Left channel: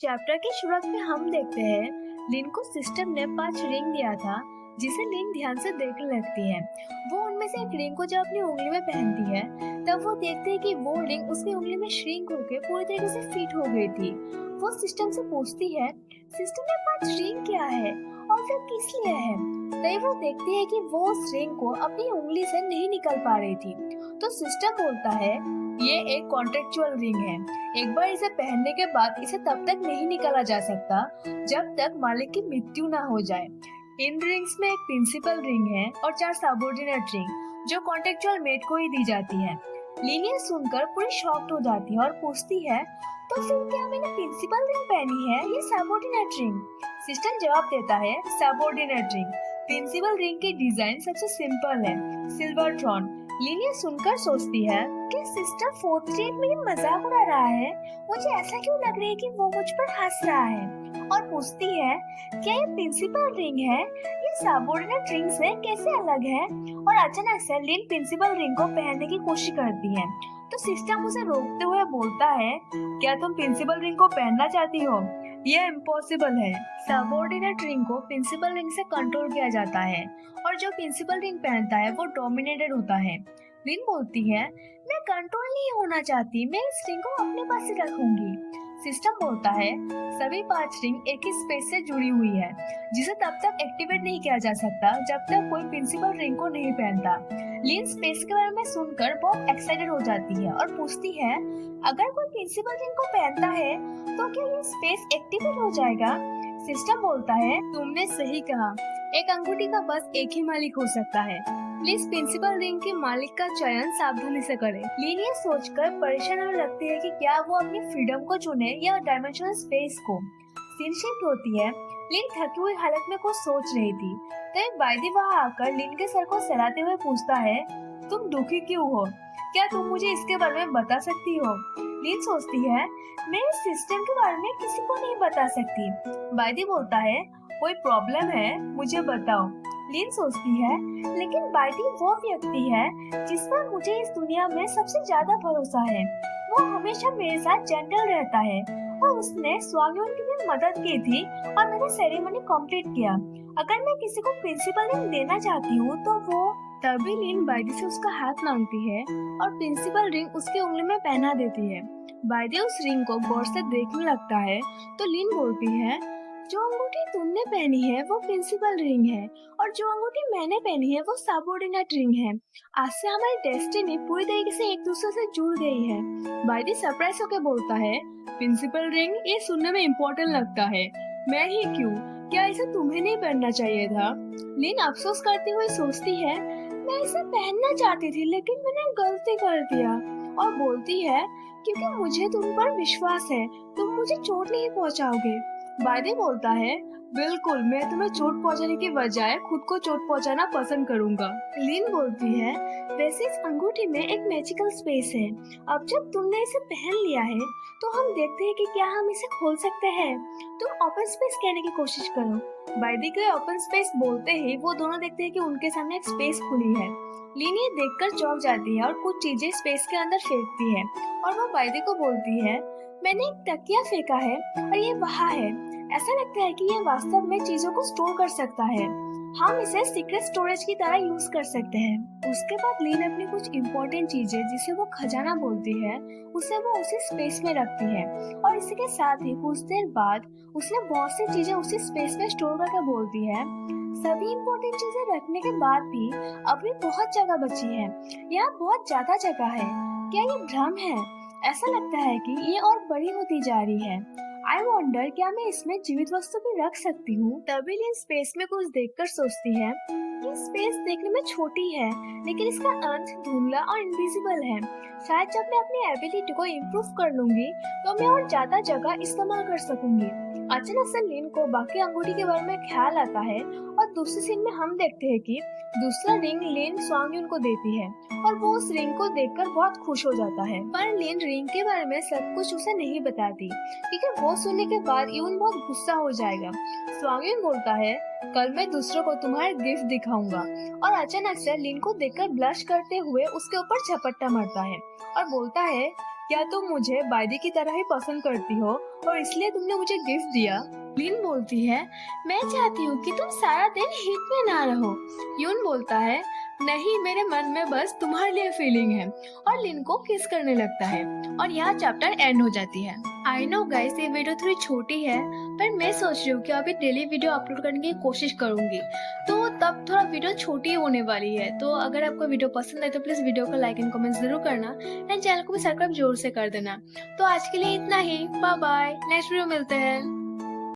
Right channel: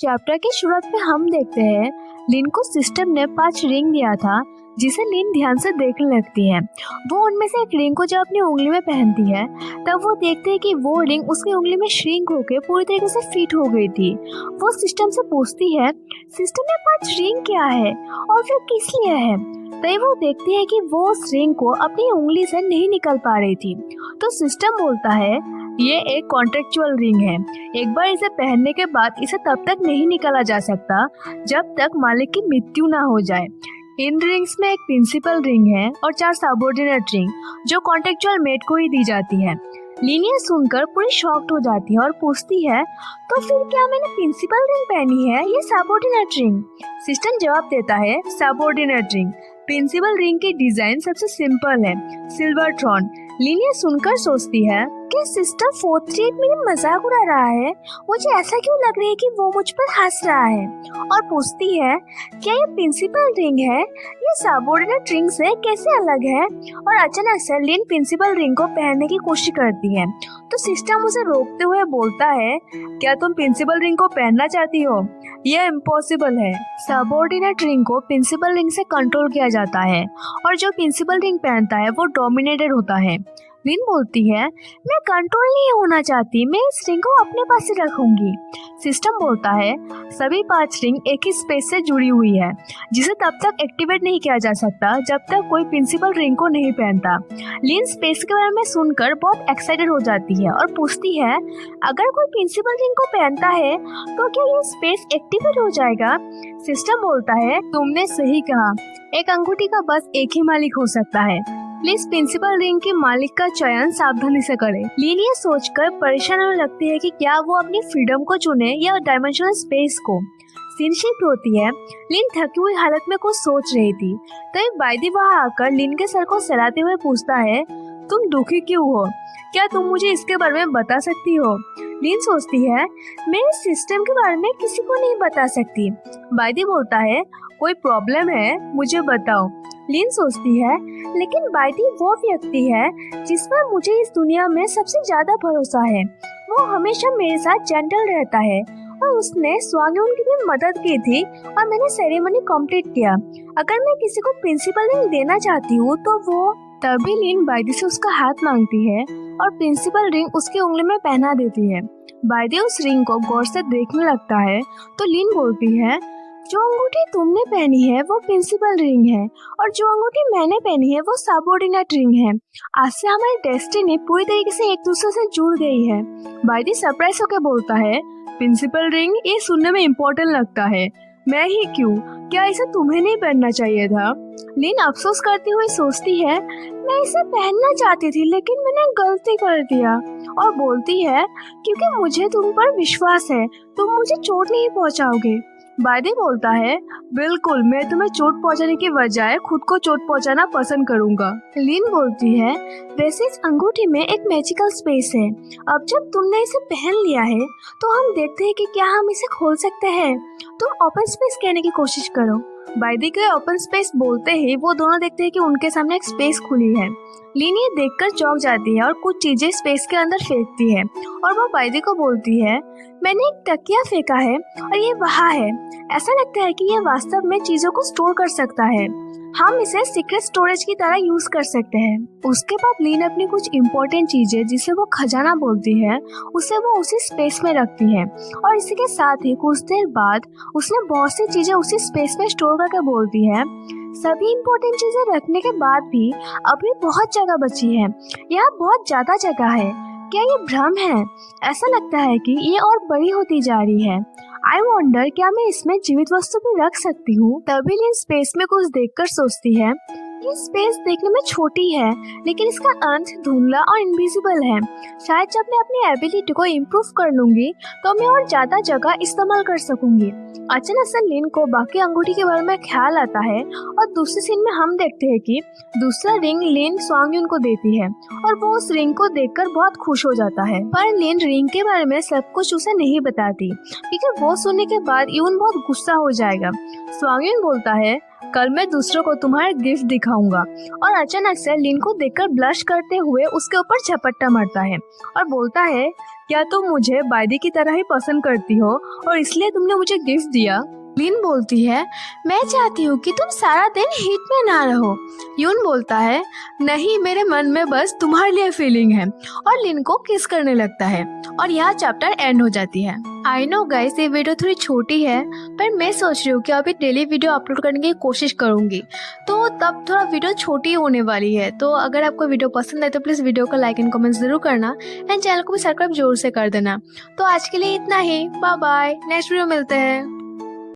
Chapter की शुरुआत में हम देखते हैं लिन को सिस्टम ने 5 रिंग दिया था जिसे लिन ध्यान से देखने लगती है। वो उनमें से एक रिंग को जब अपनी उंगली में पहनती है तब वो देखते हैं कि वो रिंग उसकी उंगली में श्रिंक होकर पूरी तरीके से फिट हो गई थी। वो सिस्टम से पूछती है सिस्टम में 5 रिंग क्या है और फिर किस लिए है। तभी वो देखती है कि वो उस रिंग को अपनी उंगली से नहीं निकल पा रही थी। तो सिस्टम बोलता है ये एक कॉन्ट्रेक्चुअल रिंग है। एक बार इसे पहनने के बाद इसे तब तक नहीं निकाला जा सकता जब तक मालिक की मृत्यु ना हो जाए। इन रिंग्स में एक प्रिंसिपल रिंग है और 4 सबऑर्डिनेट रिंग जो कॉन्ट्रेक्चुअल मेट को ही दी जाती है। लिन ये सुनकर पूरी शॉक्ड हो जाती है और पूछती है तो फिर क्या मैंने प्रिंसिपल रिंग पहनी है या सबऑर्डिनेट रिंग। सिस्टम जवाब देता है सबऑर्डिनेट रिंग। प्रिंसिपल रिंग की डिजाइन सबसे सिंपल है, सिल्वर थ्रॉन। लिन ये सुनकर सोचती है कि सिस्टर 438 मेरी मजाक उड़ा रहा है। मुझे ऐसा क्यों लग रहा है कि वो मुझ पर हंस रहा है और पूछती है क्या ये प्रिंसिपल रिंग है, ये सबऑर्डिनेट रिंग से कैसे अलग है। और अचानक से लिन प्रिंसिपल रिंग को पहनने की कोशिश करती है तो सिस्टम उसे रोकते हुए बोलता है क्या तुम प्रिंसिपल रिंग को पहनना चाहती हो, यह इम्पॉसिबल है। सबऑर्डिनेट रिंग को प्रिंसिपल रिंग से कंट्रोल किया जाता है और जो प्रिंसिपल रिंग पहनता है वो डोमिनेटेड होता है। लिन बोलती है मैं कंट्रोल नहीं होना चाहती, मैं इस रिंग को अपने पास ही रखूंगी। सिस्टम बोलता है सभी 5 रिंग एक ही स्पेस से जुड़ी हुई है जिसे तब तक एक्टिवेट नहीं किया जा सकता जब तक कोई प्रिंसिपल रिंग को नहीं पहनता। लिन स्पेस के बारे में सुनकर बहुत एक्साइटेड हो जाती है और पूछती है अगर कोई प्रिंसिपल रिंग को पहनता है तो क्या ये स्पेस एक्टिवेट हो जाएगा। सिस्टम बोलता है तुमने सही कहा, एक अंगूठी का बस एक ही मालिक हो सकता है। प्लीज प्रिंसिपल रिंग के मालिक का चयन सावधानी से करें। लिन ये सोचकर परेशान होने लगती है कि क्या वो अपनी फ्रीडम को चुने या डायमेंशनल स्पेस को। सीन शिफ्ट होती है। लिन थकी हुई हालत में कुछ सोच रही थी तभी बायदी वहाँ आकर लिन के सर को सहलाते हुए पूछता है तुम दुखी क्यों हो, क्या तुम मुझे इसके बारे में बता सकती हो। लिन सोचती है मैं इस सिस्टम के बारे में किसी को नहीं बता सकती। बायदी बोलता है कोई प्रॉब्लम है मुझे बताओ। लिन सोचती है लेकिन बायदी वो व्यक्ति है जिस पर मुझे इस दुनिया में सबसे ज्यादा भरोसा है। वो हमेशा मेरे साथ जेंटल रहता है और उसने स्वांगयून की भी मदद की थी और मैंने सेरेमनी कंप्लीट किया। अगर मैं किसी को प्रिंसिपल रिंग देना चाहती हूँ तो वो। तभी लिन बायदी से उसका हाथ मांगती है और प्रिंसिपल रिंग उसकी उंगली में पहना देती है। बायदी उस रिंग को गौर से देखने लगता है तो लिन बोलती है जो अंगूठी तुमने पहनी है वो प्रिंसिपल रिंग है और जो अंगूठी मैंने पहनी है वो सबऑर्डिनेट रिंग है। आज से हमारी डेस्टिनी पूरी तरीके से एक दूसरे से जुड़ गई है। बायदी सरप्राइज होकर बोलता है प्रिंसिपल रिंग, ये सुनने में इम्पोर्टेंट लगता है, मैं ही क्यों, क्या इसे तुम्हें नहीं पहनना चाहिए था। लिन अफसोस करती हुई सोचती है मैं इसे पहनना चाहती थी लेकिन मैंने गलती कर दिया। और बोलती है क्योंकि मुझे तुम पर विश्वास है, तुम मुझे चोट नहीं पहुंचाओगे। बायदी बोलता है बिल्कुल, मैं तुम्हें चोट पहुंचाने के बजाय खुद को चोट पहुंचाना पसंद करूंगा। लिन बोलती है वैसे इस अंगूठी में एक मैजिकल स्पेस है, अब जब तुमने इसे पहन लिया है तो हम देखते हैं कि क्या हम इसे खोल सकते हैं। तुम ओपन स्पेस कहने की कोशिश करो। बायदी के ओपन स्पेस बोलते ही वो दोनों देखते हैं कि उनके सामने एक स्पेस खुली है। लिन ये देखकर चौंक जाती है और कुछ चीजें स्पेस के अंदर फेंकती है और वो बायदी को बोलती है मैंने एक तकिया फेंका है और ये वहाँ है। ऐसा लगता है कि ये वास्तव में चीजों को स्टोर कर सकता है, हम इसे सीक्रेट स्टोरेज की तरह यूज कर सकते हैं। उसके बाद लिन अपनी कुछ इम्पोर्टेंट चीजें जिसे वो खजाना बोलती है उसे वो उसी स्पेस में रखती है और इसी के साथ ही कुछ देर बाद उसने बहुत सी चीजें उसी स्पेस में स्टोर करके बोलती है सभी इम्पोर्टेंट चीजें रखने के बाद भी अभी बहुत जगह बची है, यहाँ बहुत ज्यादा जगह है। क्या ये भ्रम है? ऐसा लगता है कि ये और बड़ी होती जा रही है। आई वॉन्डर क्या मैं इसमें जीवित वस्तु भी रख सकती हूँ। तभी लिन स्पेस में कुछ देखकर सोचती है ये स्पेस देखने में छोटी है लेकिन इसका अंत धुंधला और इनविजिबल है। शायद जब मैं अपनी एबिलिटी को इम्प्रूव कर लूंगी तो मैं और ज्यादा जगह इस्तेमाल कर सकूंगी। अचानक से लिन को बाकी अंगूठी के बारे में ख्याल आता है और दूसरे सीन में हम देखते हैं कि दूसरा रिंग लिन स्वांगयून को देती है और वो उस रिंग को देखकर बहुत खुश हो जाता है। पर लिन रिंग के बारे में सब कुछ उसे नहीं बताती क्योंकि वो सुनने के बाद यून बहुत गुस्सा हो जाएगा। स्वांगयून बोलता है कल मैं दूसरों को तुम्हारे गिफ्ट दिखाऊंगा। और अचानक से लिन को देखकर ब्लश करते हुए उसके ऊपर झपट्टा मारता है और बोलता है, क्या तुम मुझे बाइदी की तरह ही पसंद करती हो और इसलिए तुमने मुझे गिफ्ट दिया? लिन बोलती है, मैं चाहती हूँ कि तुम सारा दिन हीट में ना रहो। यून बोलता है, नहीं, मेरे मन में बस तुम्हारे लिए फीलिंग है, और लिन को किस करने लगता है और यहाँ चैप्टर एंड हो जाती है। आई नो गाइस, ये वीडियो थोड़ी छोटी है, पर मैं सोच रही हूँ कि अभी डेली वीडियो अपलोड करने की कोशिश करूंगी, तो तब थोड़ा वीडियो छोटी होने वाली है। तो अगर आपको वीडियो पसंद आए तो प्लीज वीडियो को लाइक एंड कमेंट जरूर करना एंड चैनल को भी सब्सक्राइब जरूर से कर देना। तो आज के लिए इतना ही, बाय बाय, नेक्स्ट वीडियो मिलते हैं।